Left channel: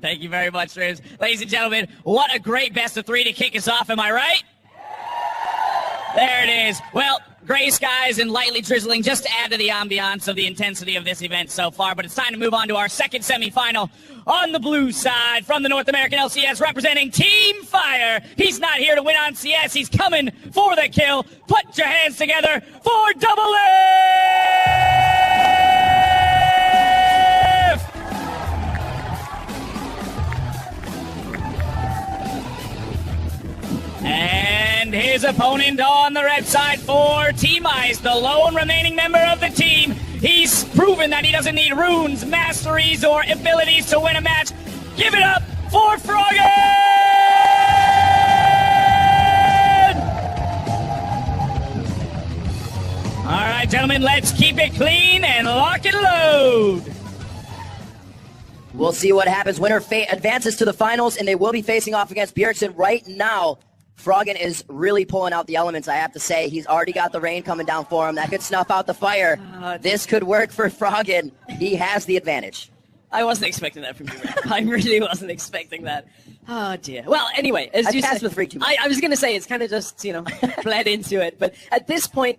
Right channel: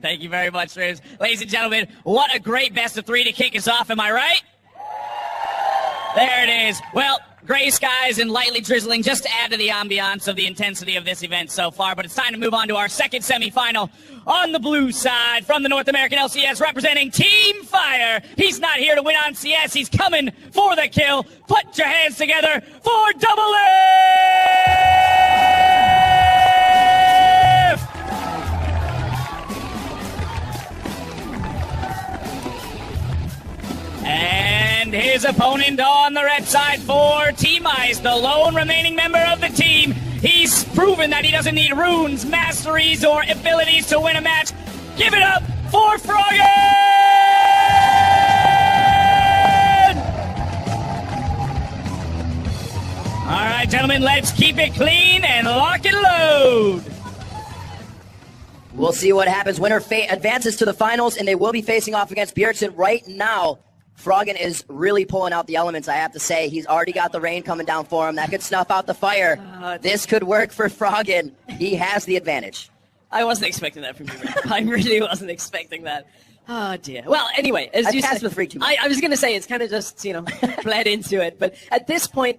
Thank you very much, Streams. Ladies and gentlemen, what a great best of three to kick us off, am I right? There it is. Well, gray skies and lightly drizzling just to add to the ambiance of the intensity of this event so far, but it's time to move on to our second semifinal. On the blue side, from the North American LCS, representing Team Fire. He's not here to win on CS, he's coming for the kill. Put your hands together for DoubleLift! And his opponent on the red side for Team Ice, the lone remaining member of the team. He's proven that he doesn't need runes, masteries, or abilities to win a match. Give it up for Froggen! All right, gentlemen, let's keep it clean and lock and load. We'll see what happens. Winner advances to the finals, and they will be facing off against Bjergsen right now. Froggen is really pulling out the elements, I have to say. He's already got the rain coming down for him. That could snuff out the fire. This could work for Froggen. He has the advantage. I wasn't expecting that from you. I really wasn't expecting that. Oh, dear. Well, anyway, as you said, I was going to say, it's kind of just, bled into it. But at this point,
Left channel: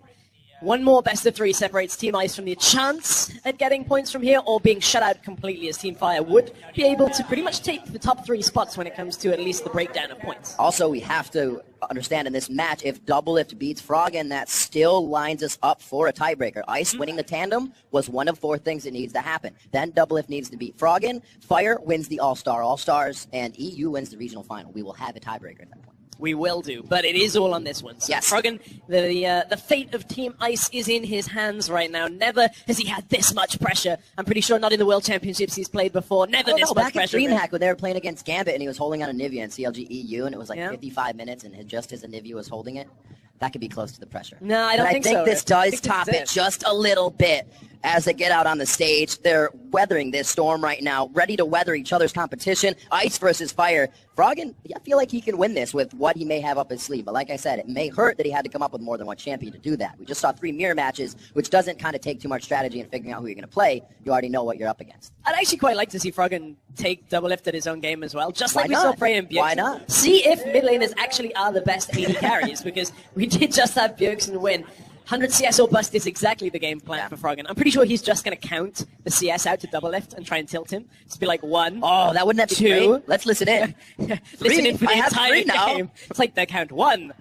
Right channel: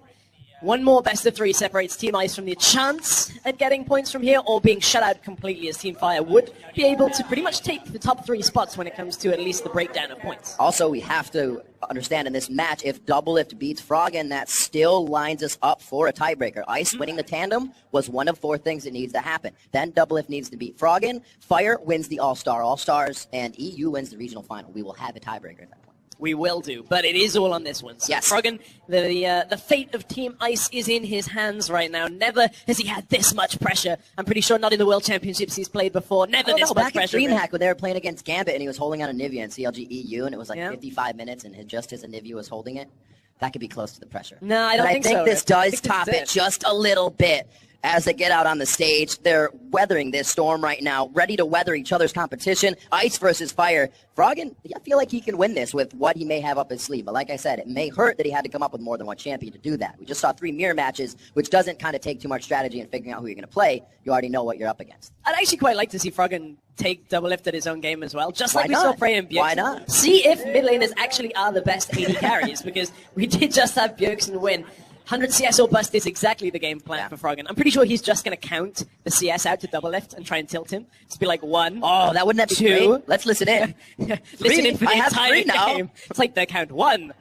one more best of three separates Team Ice from the chance at getting points from here or being shut out completely, as Team Fire would be able to pretty much take the top three spots when it comes to at least the breakdown of points. Also, we have to understand in this match, if DoubleLift beats Froggen, that still lines us up for a tiebreaker. Ice winning the tandem was one of four things that needs to happen. Then DoubleLift needs to beat Froggen, Fire wins the All-Stars, and EU wins the regional final. We will have a tiebreaker at that point. We will do, but it is all on this one. So yes. Froggen, the fate of Team Ice is in his hands right now. Never has he had this much pressure. I'm pretty sure not in the World Championships he's played before. Never this much pressure. Back at DreamHack when they were playing against Gambit and he was holding on a Nivea in CLG EU and it was like 55 minutes and just as Nivea was holding it, that could be close to the pressure. No, I don't think so. I think this does top it just a little bit. As they get out on the stage, they're weathering this storm right now, ready to weather each other's competition. Ice versus Fire. Froggen, I feel like he can win this with what he may have up his sleeve. But like I said, it may hurt that he had to come up with more than one champion to do that. We just saw 3 mirror matches, which doesn't kind of take too much strategy in figuring out who you're going to play. You already know what you're up against. I'd actually quite like to see Froggen take DoubleLift at his own game as well, just like we saw Frey and Bjergsen. Why not? See if mid laners actually are the best AD carries, because we did just have Bjergsen win. 100 CS or bust is exactly the game plan for Froggen. I'm pretty sure he's just going to count the CS out to DoubleLift and try and tilt him. Just be like 1. Oh, that wouldn't have to 2. Let's listen in. Listen in for the entire game. It's like the count 1.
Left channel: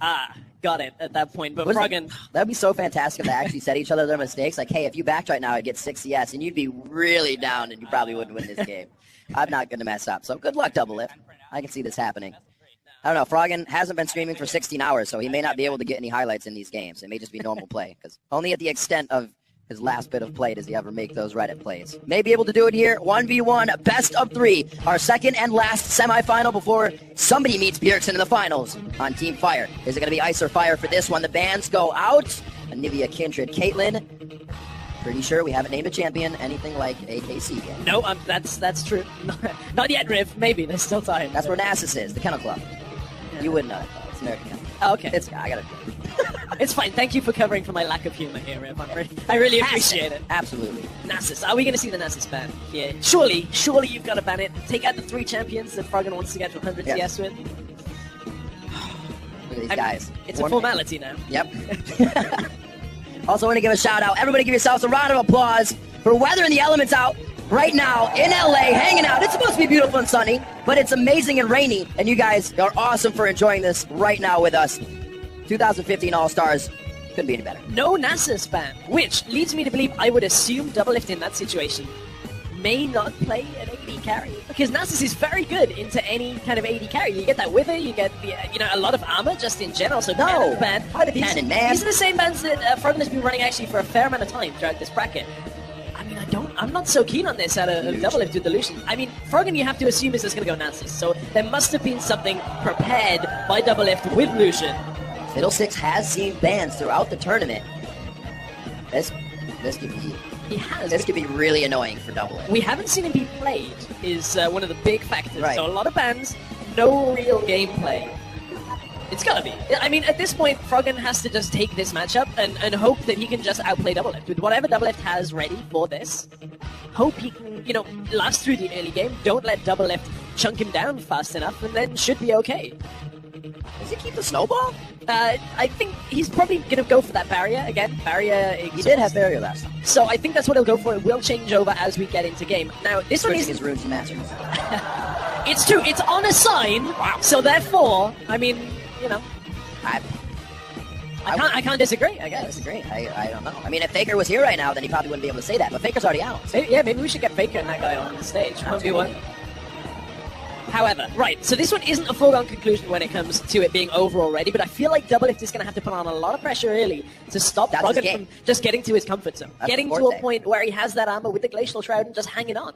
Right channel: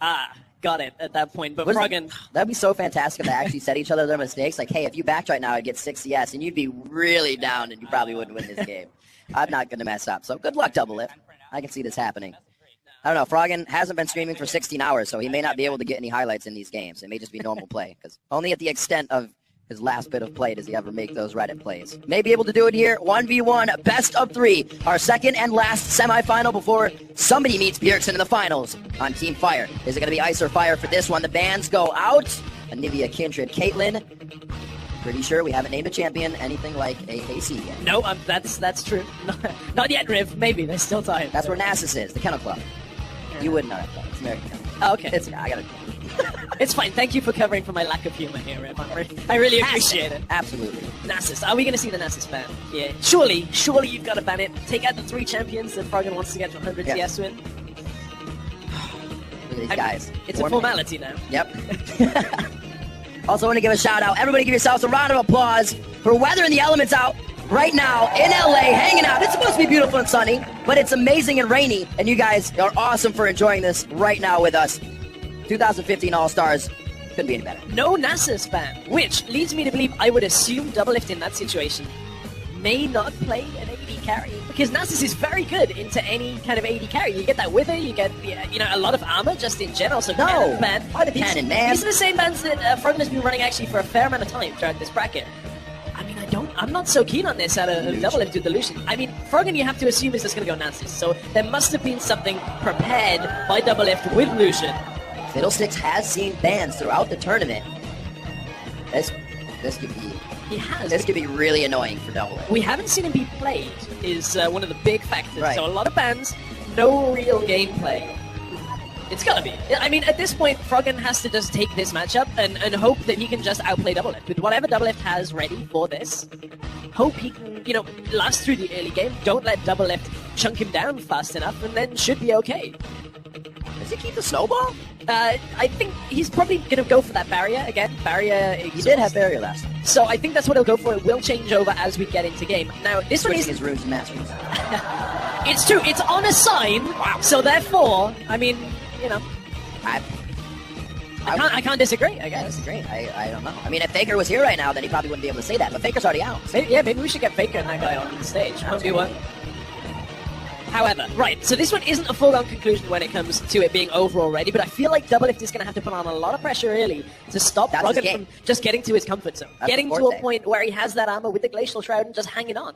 Got it at that point. But Froggen... That'd be so fantastic if they actually said each other their mistakes. Like, hey, if you backed right now, I'd get 6 CS, and you'd be really down, and you probably wouldn't win this game. I'm not going to mess up. So good luck, DoubleLift. I can see this happening. I don't know, Froggen hasn't been streaming for 16 hours, so he may not be able to get any highlights in these games. It may just be normal play, because only at the extent of his last bit of play does he ever make those Reddit plays. May be able to do it here, 1v1, best of 3, our second and last semifinal before somebody meets Bjergsen in the finals on Team Fire. Is it going to be Ice or Fire for this one? The bans go out. Anivia, Kindred, Caitlyn. Pretty sure we haven't named a champion anything like AAC yet. No, that's true. Not yet, Riv. Maybe, there's still time. That's where Nasus is, the Kennel Club. You wouldn't know it, though. It's American. Oh, okay. I gotta do it. It's fine. Thank you for covering for my lack of humor here, Riv. I really appreciate it. Absolutely. Nasus. Are we going to see the Nasus ban? Yeah. Surely you've got to ban it. Take out the 3 champions that Froggen wants to get 100 CS with. These guys. It's a formality now. Yep. Also, I want to give a shout out. Everybody give yourselves a round of applause for weathering the elements out right now in LA, hanging out. It's supposed to be beautiful and sunny, but it's amazing and rainy, and you guys are awesome for enjoying this right now with us. 2015 All-Stars couldn't be any better. No Nasus ban, which leads me to believe I would assume DoubleLift in that situation may not play an AD carry, because Nasus is very good into any kind of AD carry. You get that wither, you get a lot of armor just in general. So these are the same bans that Froggen has been running actually for a fair amount of time throughout this bracket. I mean, I'm not so keen on this out of DoubleLift with the Lucian. I mean, Froggen, you have to assume is just going to go Nasus. So there must have been something prepared by DoubleLift with Lucian. Fiddlesticks has seen bans throughout the tournament. This could be... This could be really annoying for DoubleLift. We haven't seen it be played is one of the big factors. Right. So a lot of bans, no real gameplay. It's gotta be. I mean, at this point, Froggen has to just take this matchup and hope that he can just outplay DoubleLift. With whatever DoubleLift has ready for this, hope he can, last through the early game. Don't let DoubleLift chunk him down fast enough, and then should be okay. Does he keep the snowball? I think he's probably going to go for that barrier again. Barrier. He did have barrier last time. So I think that's what he'll go for. It will change over as we get into game. Now, this one is his runes and masters. It's true. It's on a sign. Wow. So therefore, I mean, I can't disagree, I guess. Great. I don't know. I mean, if Faker was here right now, then he probably wouldn't be able to say that. But Faker's already out. So, yeah, maybe we should get Faker and that guy on the stage. 2-1. However, right, so this one isn't a full-on conclusion when it comes to it being over already, but I feel like DoubleLift is going to have to put on a lot of pressure early to stop Froggen from just getting to his comfort zone. Getting to a point where he has that armor with the Glacial Shroud and just hanging on.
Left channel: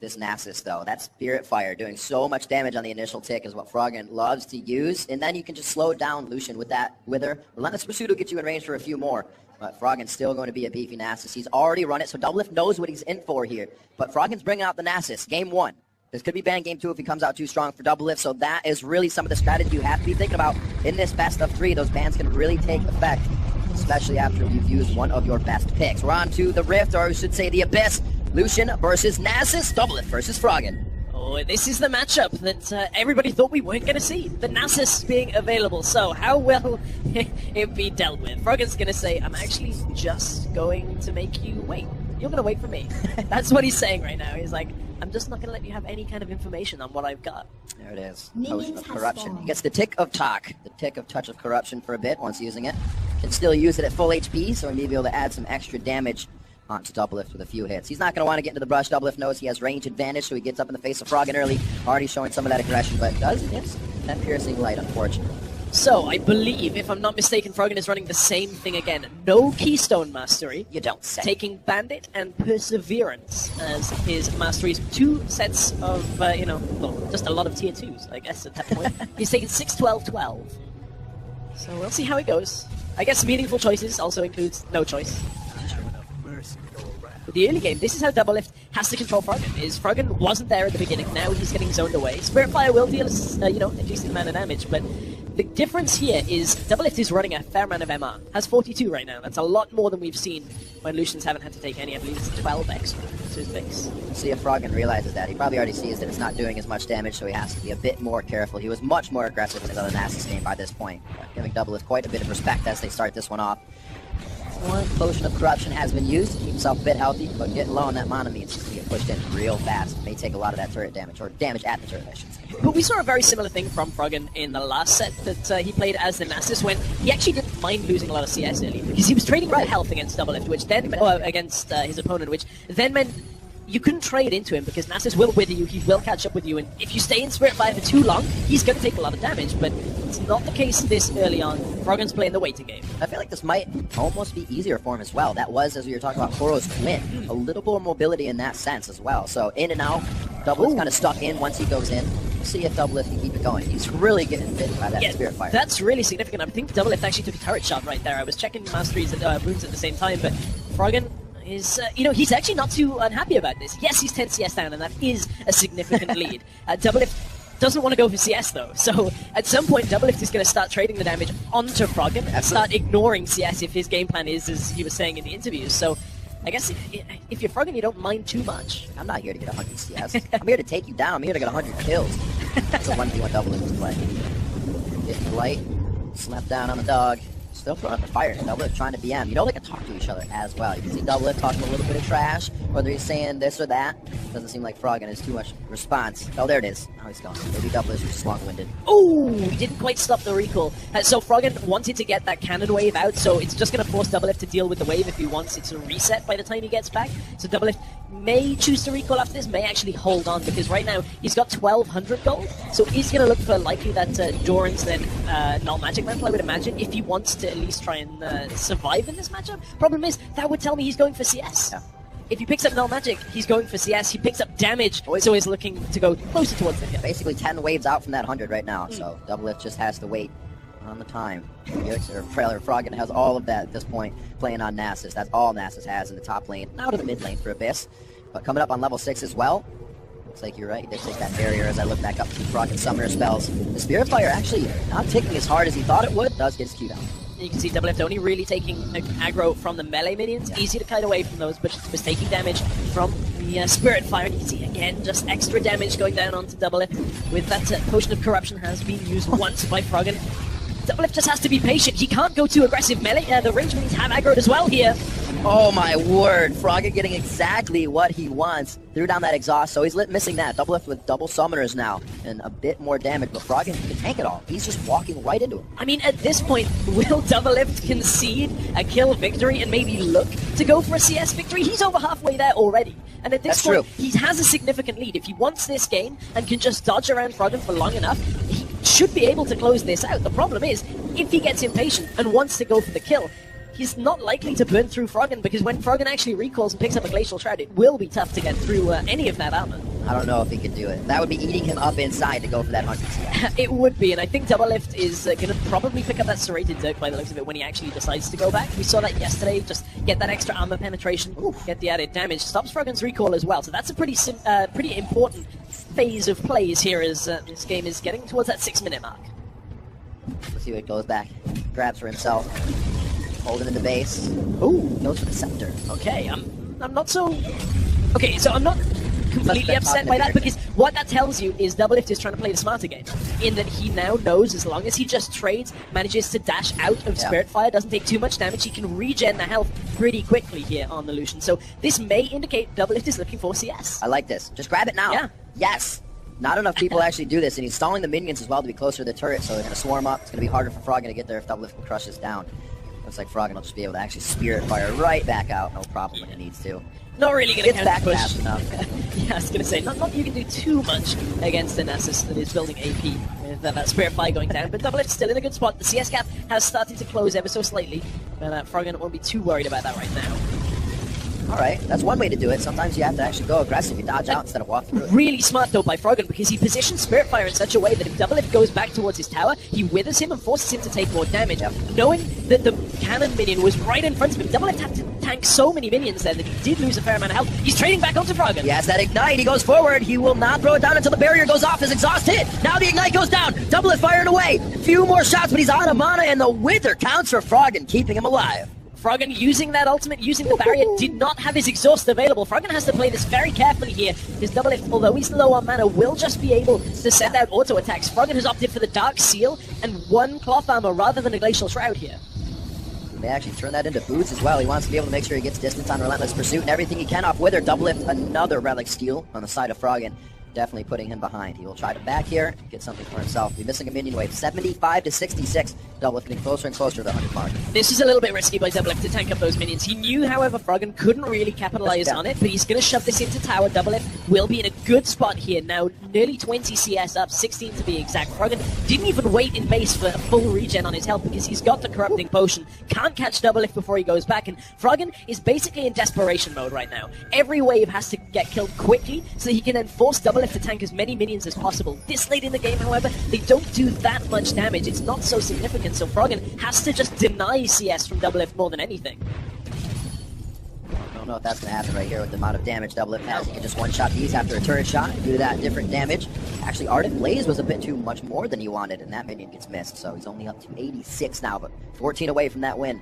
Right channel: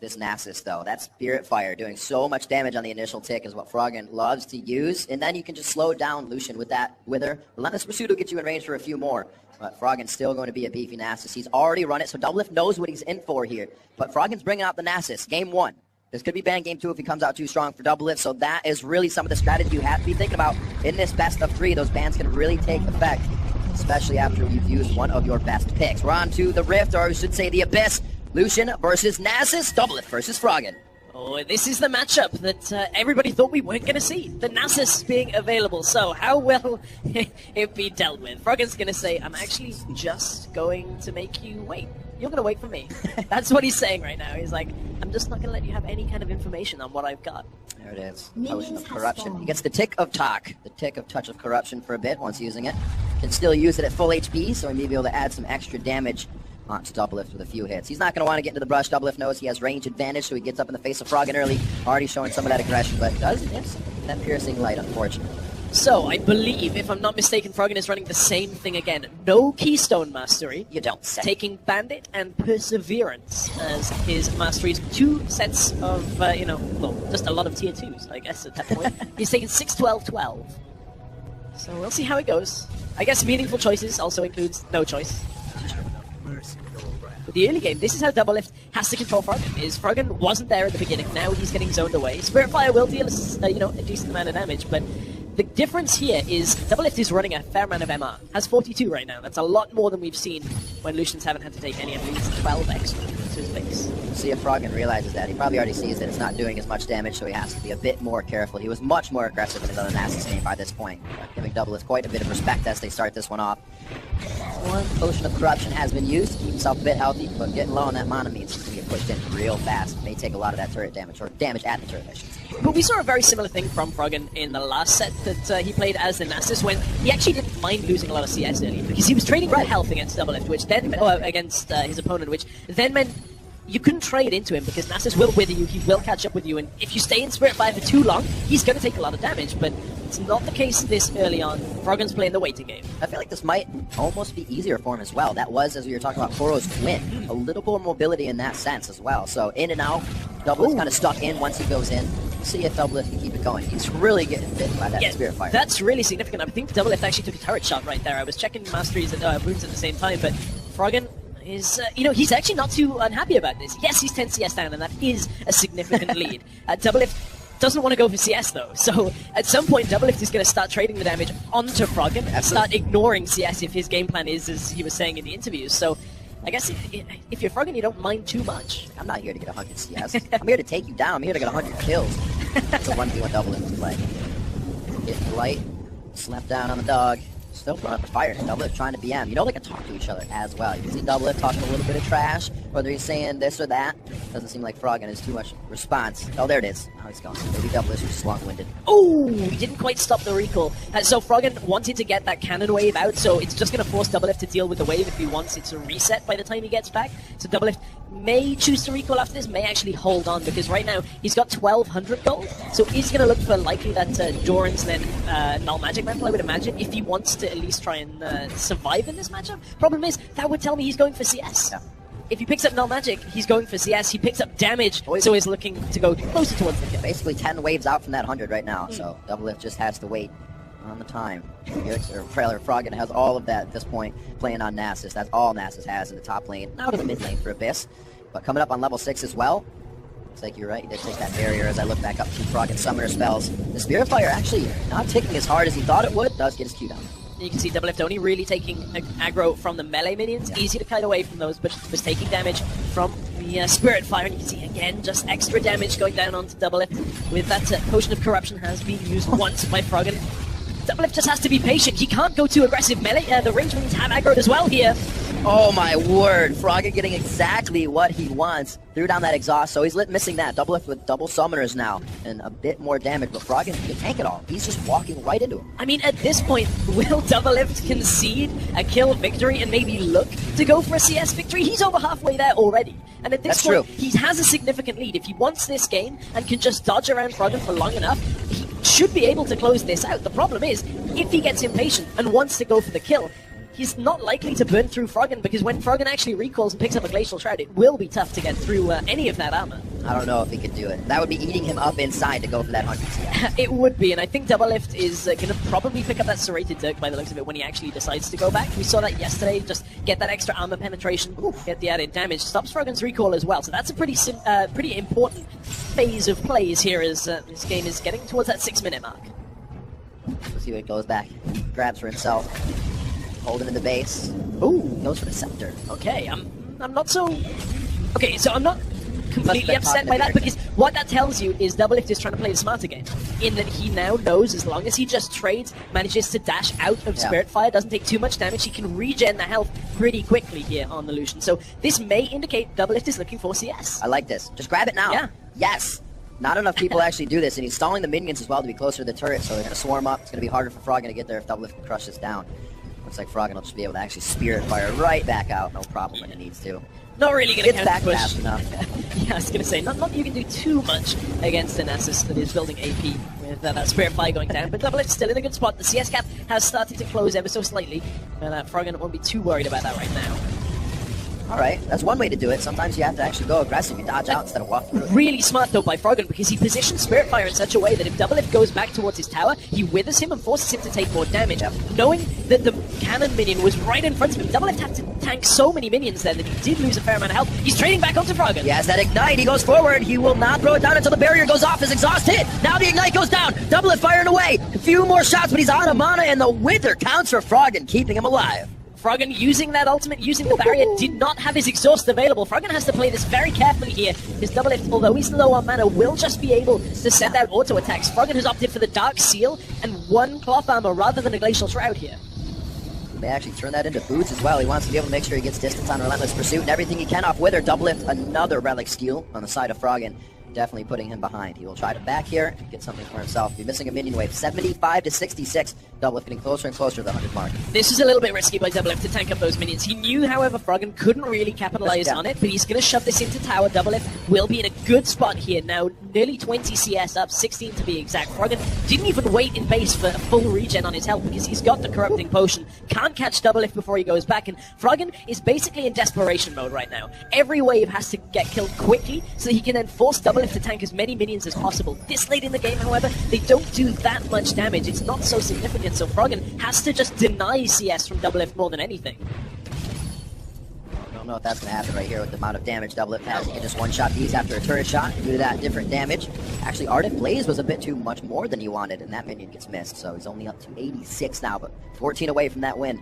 This Nasus, though, that Spirit Fire doing so much damage on the initial tick is what Froggen loves to use, and then you can just slow down Lucian with that Wither. Relentless Pursuit will get you in range for a few more, but Froggen's still going to be a beefy Nasus. He's already run it, so DoubleLift knows what he's in for here, but Froggen's bringing out the Nasus. Game 1. This could be banned game 2 if he comes out too strong for DoubleLift, so that is really some of the strategy you have to be thinking about in this best of 3. Those bans can really take effect, especially after you've used one of your best picks. We're on to the Rift, or I should say the Abyss. Lucian versus Nasus, DoubleLift versus Froggen. Oh, this is the matchup that everybody thought we weren't going to see. The Nasus being available. So how will it be dealt with? Froggen's going to say, I'm actually just going to make you wait. You're going to wait for me. That's what he's saying right now. He's like, I'm just not going to let you have any kind of information on what I've got. There it is. Potion of Corruption. He gets the Tick of Talk, the Tick of Touch of Corruption for a bit once using it. Can still use it at full HP, so he may be able to add some extra damage onto DoubleLift with a few hits. He's not going to want to get into the brush. DoubleLift knows he has range advantage, so he gets up in the face of Froggen early. Already showing some of that aggression, but does miss that piercing light, unfortunately. So, I believe, if I'm not mistaken, Froggen is running the same thing again. No Keystone Mastery. You don't say. Taking Bandit and Perseverance as his masteries. 2 sets of, just a lot of tier 2s, I guess, at that point. He's taking 6, 12, 12. So, we'll see how it goes. I guess meaningful choices also includes no choice. With the early game, this is how DoubleLift has to control Froggen. Froggen wasn't there at the beginning, now he's getting zoned away. Spirit Fire will deal a decent amount of damage, but the difference here is DoubleLift is running a fair amount of MR. Has 42 right now. That's a lot more than we've seen when Lucians haven't had to take any. I think it's 12 extra to his base. See if Froggen realizes that. He probably already sees that it's not doing as much damage, so he has to be a bit more careful. He was much more aggressive than the Nasus game by this point, giving DoubleLift quite a bit of respect as they start this one off. Potion of Corruption has been used to keep himself a bit healthy, but getting low on that mana means he can push it real fast. It may take a lot of that turret damage, or damage at the turret, I should say. But we saw a very similar thing from Froggen in the last set that he played as the Nasus, when he actually didn't mind losing a lot of CS early, because he was trading red health against DoubleLift, which then against his opponent, which then meant you couldn't trade into him, because Nasus will wither you, he will catch up with you, and if you stay in Spirit Fire for too long, he's going to take a lot of damage, but it's not the case this early on. Froggen's playing the waiting game. I feel like this might almost be easier for him as well. That was, as we were talking about, Koro's win. A little more mobility in that sense as well. So in and out, DoubleLift kind of stuck in once he goes in. We'll see if DoubleLift can keep it going. He's really getting bitten by that Spirit Fire. That's really significant. I think DoubleLift actually took a turret shot right there. I was checking Mastery's runes at the same time, but Froggen is, he's actually not too unhappy about this. Yes, he's 10 CS down, and that is a significant lead. DoubleLift doesn't want to go for CS, though. So at some point, DoubleLift is going to start trading the damage onto Froggen and start ignoring CS if his game plan is, as he was saying in the interviews. So I guess if you're Froggen, you don't mind too much. I'm not here to get 100 CS. I'm here to take you down. I'm here to get 100 kills. That's the one thing what DoubleLift play. Get light, slap down on the dog. Still put up the fire. DoubleLift trying to BM. You don't like to talk to each other as well. You can see DoubleLift talking a little bit of trash, whether he's saying this or that. Doesn't seem like Froggen has too much response. Oh, there it is. Now he's gone. DoubleLift just long-winded. Oh, he didn't quite stop the recall. So Froggen wanted to get that cannon wave out, so it's just going to force DoubleLift to deal with the wave if he wants it to reset by the time he gets back. So DoubleLift may choose to recall after this, may actually hold on, because right now he's got 1200 gold, so he's going to look for likely that Doran's then null magic mantle, I would imagine, if he wants to at least try and survive in this matchup. Problem is, that would tell me he's going for CS. If he picks up null magic, he's going for CS. He picks up damage, so he's looking to go closer towards him. Basically 10 waves out from that 100 right now, so DoubleLift just has to wait on the time. Trailer Froggen has all of that at this point, playing on Nasus. That's all Nasus has in the top lane, out of the mid lane for Abyss. But coming up on level 6 as well, looks like you're right, they take that barrier as I look back up to Froggen summoner spells. The Spirit Fire actually not ticking as hard as he thought it would, does get his Q down. You can see DoubleLift only really taking aggro from the melee minions. Easy to kite away from those, but was taking damage from the Spirit Fire. You can see again just extra damage going down onto DoubleLift. With that Potion of Corruption has been used once by Froggen. DoubleLift just has to be patient. He can't go too aggressive. Melee, the range minions have aggroed as well here. Oh my word, Froggen getting exactly what he wants. Threw down that exhaust, so he's missing that. DoubleLift with double summoners now, and a bit more damage, but Froggen can take it all. He's just walking right into him. I mean, at this point, will DoubleLift concede a kill victory and maybe look to go for a CS victory? He's over halfway there already. And at this point, he has a significant lead. If he wants this game and can just dodge around Froggen for long enough, he should be able to close this out. The problem is, if he gets impatient and wants to go for the kill, he's not likely to burn through Froggen, because when Froggen actually recalls and picks up a Glacial Shroud, it will be tough to get through any of that armor. I don't know if he could do it. That would be eating him up inside to go for that 100 CS. It would be, and I think DoubleLift is going to probably pick up that Serrated Dirk by the looks of it when he actually decides to go back. We saw that yesterday, just get that extra armor penetration, get the added damage, stops Froggen's recall as well, so that's a pretty important phase of plays here as this game is getting towards that 6-minute mark. Let's see what it goes back. Grabs for himself. Hold him in the base. Ooh, goes for the scepter. Okay, I'm not so... Okay, so I'm not completely upset by that, because what that tells you is DoubleLift is trying to play the smarter game, in that he now knows as long as he just trades, manages to dash out of Spirit Fire, doesn't take too much damage, he can regen the health pretty quickly here on the Lucian. So this may indicate DoubleLift is looking for CS. I like this. Just grab it now. Yeah. Yes. Not enough people actually do this, and he's stalling the minions as well to be closer to the turret, so they're going to swarm up. It's going to be harder for Froggen to get there if DoubleLift can crush this down. Looks like Froggen will just be able to actually Spirit Fire right back out. No problem when he needs to. Not really going to get back fast enough. Yeah, I was going to say, not you can do too much against a Nasus that is building AP with that Spirit Fire going down, but DoubleLift's still in a good spot. The CS gap has started to close ever so slightly, and Froggen won't be too worried about that right now. Alright, that's one way to do it. Sometimes you have to actually go aggressively, dodge out instead of walk through it. Really smart though by Froggen, because he positions Spirit Fire in such a way that if DoubleLift goes back towards his tower, he withers him and forces him to take more damage. Knowing that the cannon minion was right in front of him, DoubleLift had to tank so many minions there that he did lose a fair amount of health. He's trading back onto Froggen. He has that Ignite, he goes forward, he will not throw it down until the barrier goes off, his exhaust hit! Now the Ignite goes down, DoubleLift firing away! A few more shots, but he's out of mana, and the Wither counts for Froggen, keeping him alive. Froggen using that ultimate, using the barrier, did not have his exhaust available. Froggen has to play this very carefully here. His DoubleLift, although he's low on mana, will just be able to send out auto attacks. Froggen has opted for the Dark Seal and one Cloth Armor rather than a Glacial Shroud here. May actually turn that into boots as well. He wants to be able to make sure he gets distance on Relentless Pursuit and everything he can off Wither. DoubleLift, another Relic Steal on the side of Froggen. Definitely putting him behind. He will try to back here and get something for himself. He's missing a minion wave. 75 to 66. DoubleLift getting closer and closer to the 100 mark. This is a little bit risky by DoubleLift to tank up those minions. He knew, however, Froggen couldn't really capitalize on it, but he's going to shove this into tower. DoubleLift will be in a good spot here now. Nearly 20 CS up, 16 to be exact. Froggen didn't even wait in base for a full regen on his health because he's got the Corrupting Potion. Can't catch DoubleLift before he goes back, and Froggen is basically in desperation mode right now. Every wave has to get killed quickly so that he can then force DoubleLift to tank as many minions as possible. This late in the game, however, they don't do that much damage. It's not so significant, so Froggen has to just deny CS from DoubleLift more than anything. I don't know if that's going to happen right here with the amount of damage DoubleLift has. He can just one-shot these after a turret shot. Due to that, different damage. Actually, Ardent Blaze was a bit too much more than he wanted, and that minion gets missed, so he's only up to 86 now, but 14 away from that win.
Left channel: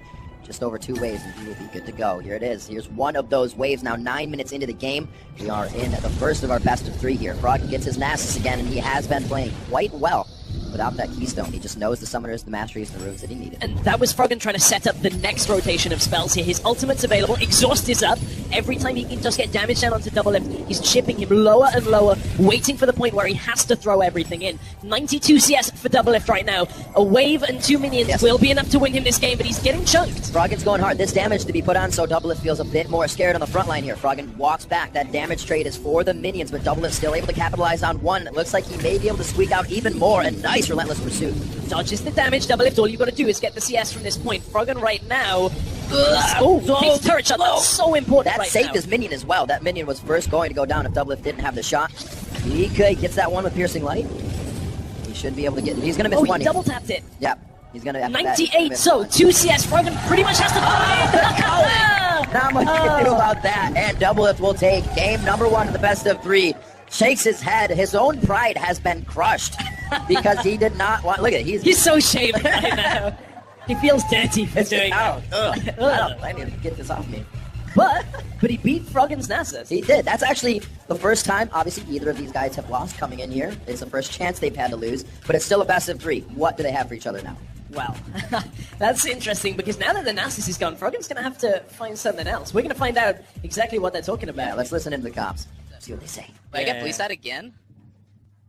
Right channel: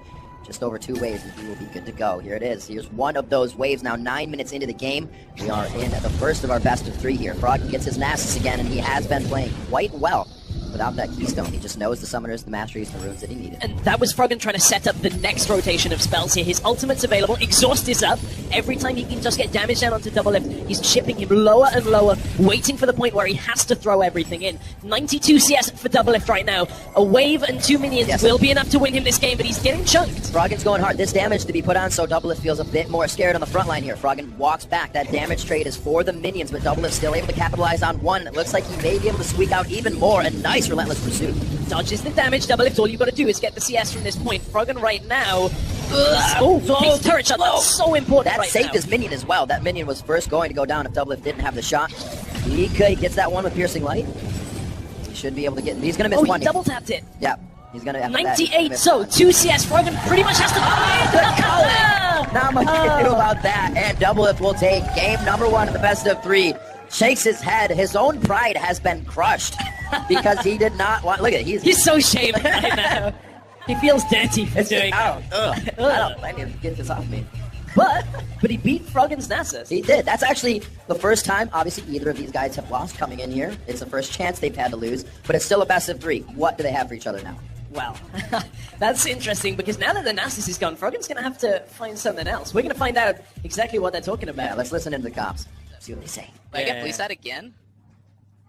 Just over 2 waves, and he will be good to go. Here it is. Here's one of those waves now, 9 minutes into the game. We are in the first of our best of 3 here. Froggen gets his Nasus again, and he has been playing quite well. Without that Keystone, he just knows the Summoners, the Masteries, the runes that he needed. And that was Froggen trying to set up the next rotation of spells here. His ultimate's available, exhaust is up. Every time he can just get damage down onto DoubleLift, he's chipping him lower and lower, waiting for the point where he has to throw everything in. 92 CS for DoubleLift right now. A wave and 2 minions will be enough to win him this game, but he's getting chunked. Froggen's going hard. This damage to be put on, so DoubleLift feels a bit more scared on the front line here. Froggen walks back. That damage trade is for the minions, but DoubleLift still able to capitalize on one. It looks like he may be able to squeak out even more. A nice Relentless Pursuit. Dodges the damage. DoubleLift, all you got to do is get the CS from this point. Froggen right now. Nice turret shot. That's so important. That saved his minion as well. That minion was first going to go down if DoubleLift didn't have the shot. He gets that one with Piercing Light. He should be able to get it. He's going to miss money. He double tapped it. Yeah. He's going to have 98, so 2 CS. Froggen pretty much has to Not much you can do about that. And DoubleLift will take game number 1 of the best of 3. Shakes his head. His own pride has been crushed because he did not want. Look at it. He's so ashamed. He feels dirty for doing I need to get this off me. but he beat Froggen Nasus. He did. That's actually the first time, obviously, either of these guys have lost coming in here. It's the first chance they've had to lose, but it's still a best of 3. What do they have for each other now? Well, that's interesting because now that the Nasus is gone, Froggen's going to have to find something else. We're going to find out exactly what they're talking about. Yeah, let's listen into the comps. See what they say. I get police that again?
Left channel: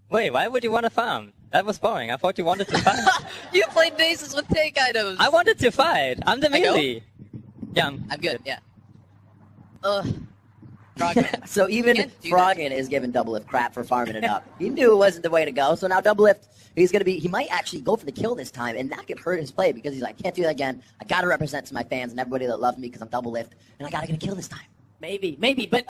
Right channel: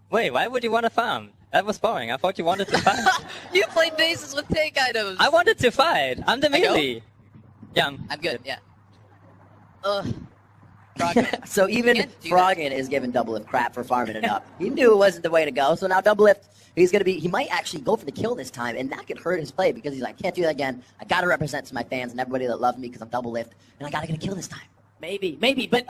Wait, why would you want to farm? That was boring. I thought you wanted to fight. You played Nasus with take items! I wanted to fight. I'm the I go? newbie. Yeah. I'm good, yeah. So even can't do Froggen is giving Doublelift crap for farming it up. He knew it wasn't the way to go, so now Doublelift, he might actually go for the kill this time, and that could hurt his play because he's like, can't do that again. I gotta represent to my fans and everybody that loves me because I'm Doublelift, and I gotta get a kill this time. Maybe, but